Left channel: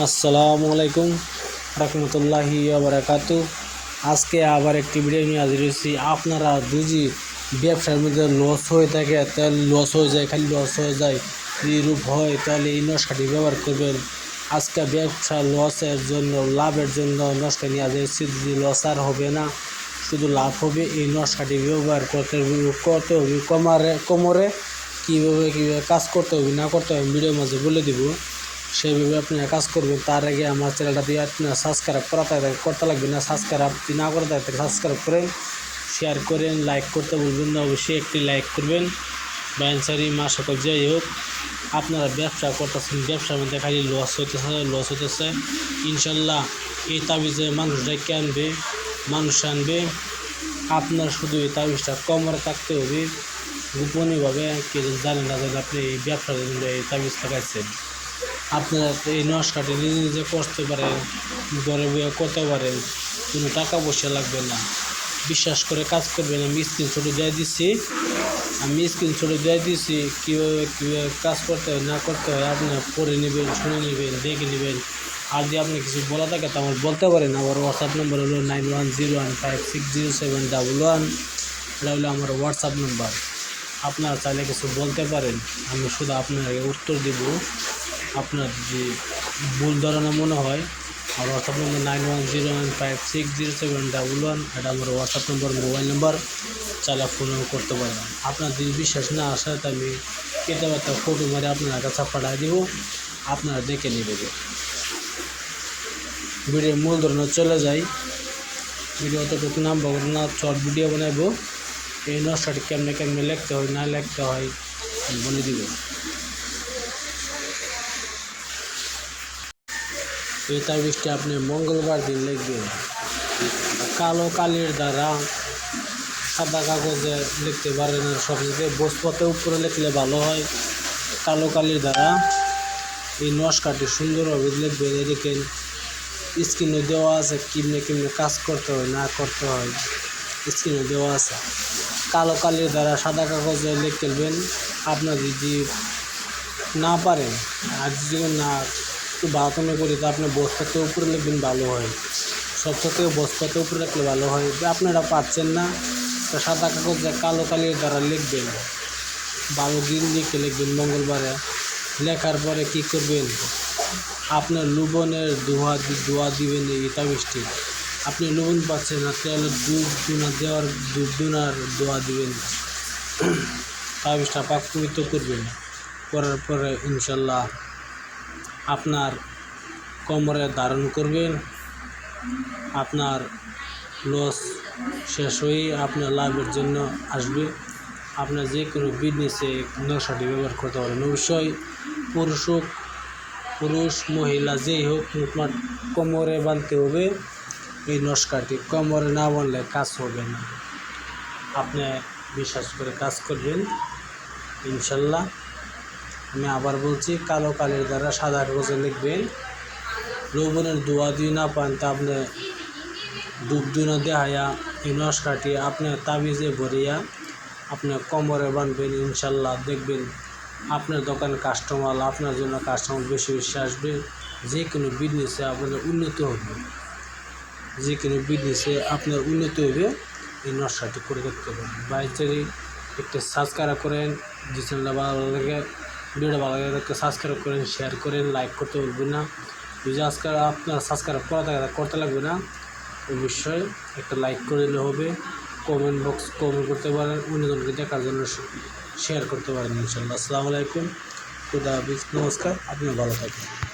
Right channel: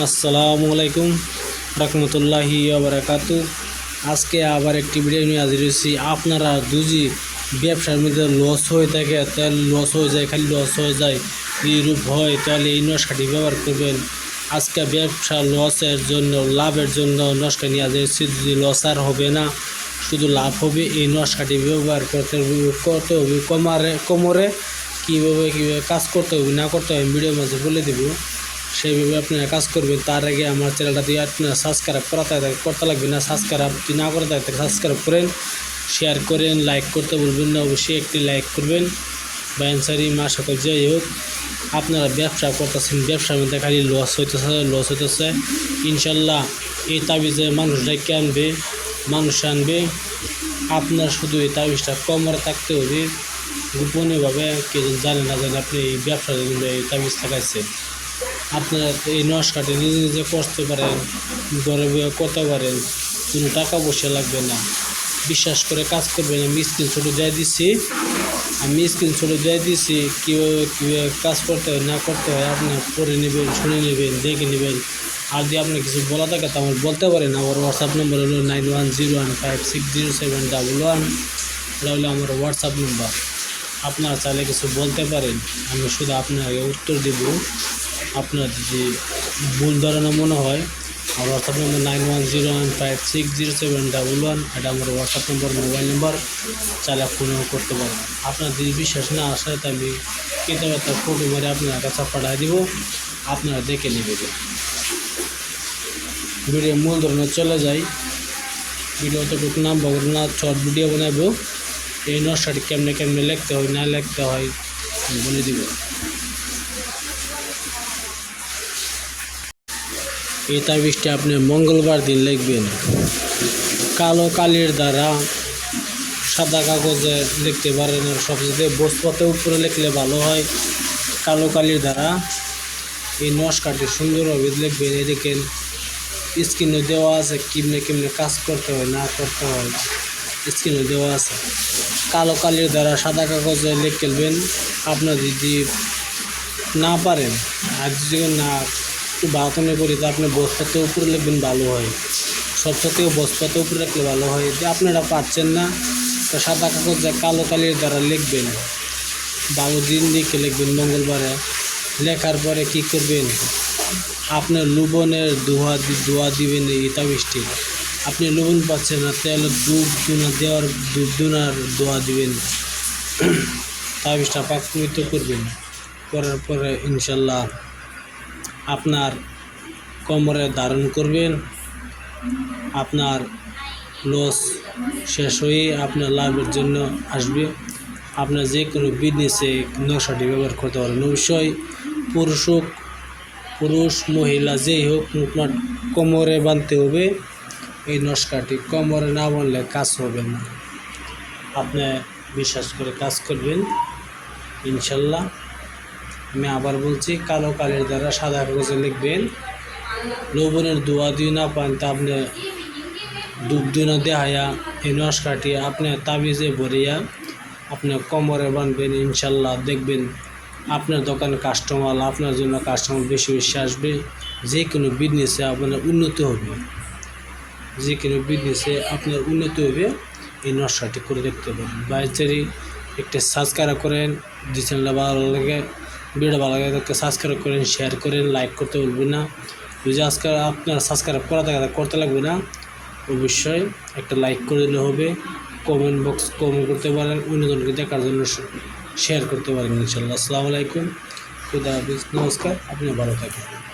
আসসালামু আলাইকুম রহমতুল্লাহি বারাকাতু। আজকে আবার একটি ভিডিও নিয়ে হাজির হয়েছি। আপনারা যদি ব্যবসার মধ্যে লস হয়ে থাকে, তাহলে লস হয়ে যায়, খালি লস হয়ে যায়, এইরূপ হয়, তাহলে এই নস্কাটি ব্যবহার করবেন। আজকে ব্যবসা লসের জন্য, লাভের জন্য নস্কা নিয়ে হাজির হয়েছি। যদি লস আর হবে না, শুধু লাভ হবে, এই নস্কাটি ব্যবহার করতে করতে হবে, কমারে, কোমরে, কীভাবে কীভাবে কাজ করতে হবে, না করতে হবে ভিডিওর মাঝে বলে দেবো। সেইভাবে আপনি কাজ করবেন, তার আগে আমার চ্যানেলটা দিয়ে আপনার সাবস্ক্রাইব করাতে করতে লাগবে না। সাবস্ক্রাইব যদি না করে থাকতে সাবস্ক্রাইব করেন শেয়ার করেন লাইক করতে বলবেন না, অবশ্যই একটি লাইক করবেন। ব্যান্সারি মা সকল যাই হোক, আপনারা ব্যবসা করতেছেন, ব্যবসার মধ্যে খালি লস হইতেছে লস হইতেছে। ইনশাল্লাহ এই তাবিজে মানুষ ডেকে আনবে? মানুষ আনবে। আপনার শুধু এই তাবিজটা কমর থাকতে হবে। গোপনীয়ভাবে কেউ জানে না জানে আপনি এই ব্যবসার জন্য এই তাবিজ লাগাইছেন। আপনারা এই নস্কাটি নিজে নিজে করতে পারেন ঘরে বয়ে করতে পারেন কোনো টাকা পয়সা লাগবে না। বিশ্বাস করে কাজ করবেন আমি স্ক্রিন ছোটো দিয়ে দিচ্ছি আমি স্ক্রিন ছোটো দিয়ে দিচ্ছি কীভাবে কীভাবে কাজ করতে হয়, না করতে হয় আপনারা পড়ে নেবেন, শুনে নেবেন, দেখে নেবেন। আর যদি আপনি কিছু বলা থাকে, তো আমার বলতে পারেন, আমার হোয়াটসঅ্যাপ নম্বর হলো nine one zero one five six zero seven double one এটা হলো আমার হোয়াটসঅ্যাপ নম্বর আপনারা চাইলে কিছু বলতে পারেন, আমি শুধু আপনাকে উত্তর দেবো। আপনার যে ভুল ধারণা মনে হয়, আমার হোয়াটসঅ্যাপ নম্বর nine one zero one five six zero seven double one এটা আমার হোয়াটসঅ্যাপ নম্বর মোবাইল নম্বর চাইলে ফোনও করতে পারেন। আপনার যদি বিশ্বাস না আসে তো আমি কেটে একটা ফটো করে আপনার কাছে পাঠিয়ে দিব, আপনারা দেখে নেবে ভিডিও মূল ধরনের চলে যাই। ভিডিও অতটুকু নাম বলব না শর্ট ভিডিও বানাবো এই নকশাটি কেমনে কেমনে লিখতে হয়, না লিখতে হয় বলে দিব। এই তাবিজটা আপনি মঙ্গলবার দিন লিখবেন। কালো কালির দ্বারা সাদা কাগজে লিখতে পারেন সবচেয়ে বসপথে উপরে লিখলে ভালো হয়। কালো কালির দ্বারা এই নস্কাটি সুন্দরভাবে লিখবেন। দেখেন স্ক্রিনে দেওয়া আছে কেমনে কেমনে কাজ করতে হয়, না করতে হয়। স্ক্রিনে দেওয়া আছে। কালো কালির দ্বারা সাদা কাগজে লিখবেন আপনার যদি না পারেন, আর যদি না একটু বাতনে করি, তো আপনি বস্তাতে উপরে লিখবেন ভালো হয়। সবচেয়ে থেকে বস্তাতে উপরে রাখলে ভালো হয়। যে আপনারা পাচ্ছেন না, তো সাদা কাগজে কালো কালির দ্বারা লিখবেন। ভালো দিন লিখে লিখবেন মঙ্গলবারে। লেখার পরে কি করবেন? আপনার লুবনের দোয়া দোয়া দিবেন এই তাবিজটি। আপনি লুবন পাচ্ছেন না, তাহলে দুধ দুনা দেওয়ার দুধ দুনার দোয়া দিবেন। তাবিজটা পাক পবিত্র করবেন। করার পরে ইনশাল্লাহ আপনার কোমরে ধারণ করবেন। আপনার লস শেষ হয়ে আপনার লাভের জন্য আসবে। আপনার যে কোনো বিজনেসে নকশাটি ব্যবহার করতে পারেন। অবশ্যই পুরুষ হোক, পুরুষ, মহিলা যেই হোক আপনার কোমরে বাঁধতে হবে। এই নস্কাটি কোমরে না বললে কাজ হবে না। আপনি বিশ্বাস করে কাজ করবেন। ইনশাল্লাহ। আমি আবার বলছি, কালো কালির দ্বারা সাদা কাগজে লিখবেন। লবণের দোয়া দিয়ে না পান, তা আপনি ডুব দুনা দেহায়া এই নস্কাটি আপনি তাবিজে ভরিয়া আপনি কোমরে বানবেন, ইনশাল্লাহ। দেখবেন আপনার দোকানে কাস্টমার, আপনার জন্য কাস্টমার বেশি বেশি আসবে। যে কোনো বিজনেসে আপনার উন্নতি হবে। যে কোনো বিজনেসে আপনার উন্নতি হবে, এই নকশাটি করে দেখতে পারেন। বাইচারি একটা সাবস্ক্রাইব করেন, যে চ্যানেলটা ভালো লাগে ভিডিও ভালো লাগে তাকে সাবস্ক্রাইব করেন শেয়ার করেন লাইক করতে ভুলবেন না। যদি আজকে আপনার সাবস্ক্রাইব করা থাকে করতে লাগবে না। অবশ্যই একটা লাইক করে দিলে হবে। কমেন্ট বক্স কমেন্ট করতে পারেন, অন্যজনকে দেখার জন্য শেয়ার করতে পারেন ইনশাল্লাহ। আসসালামু আলাইকুম। খুদা হাফিজ। নমস্কার। আপনি ভালো থাকবেন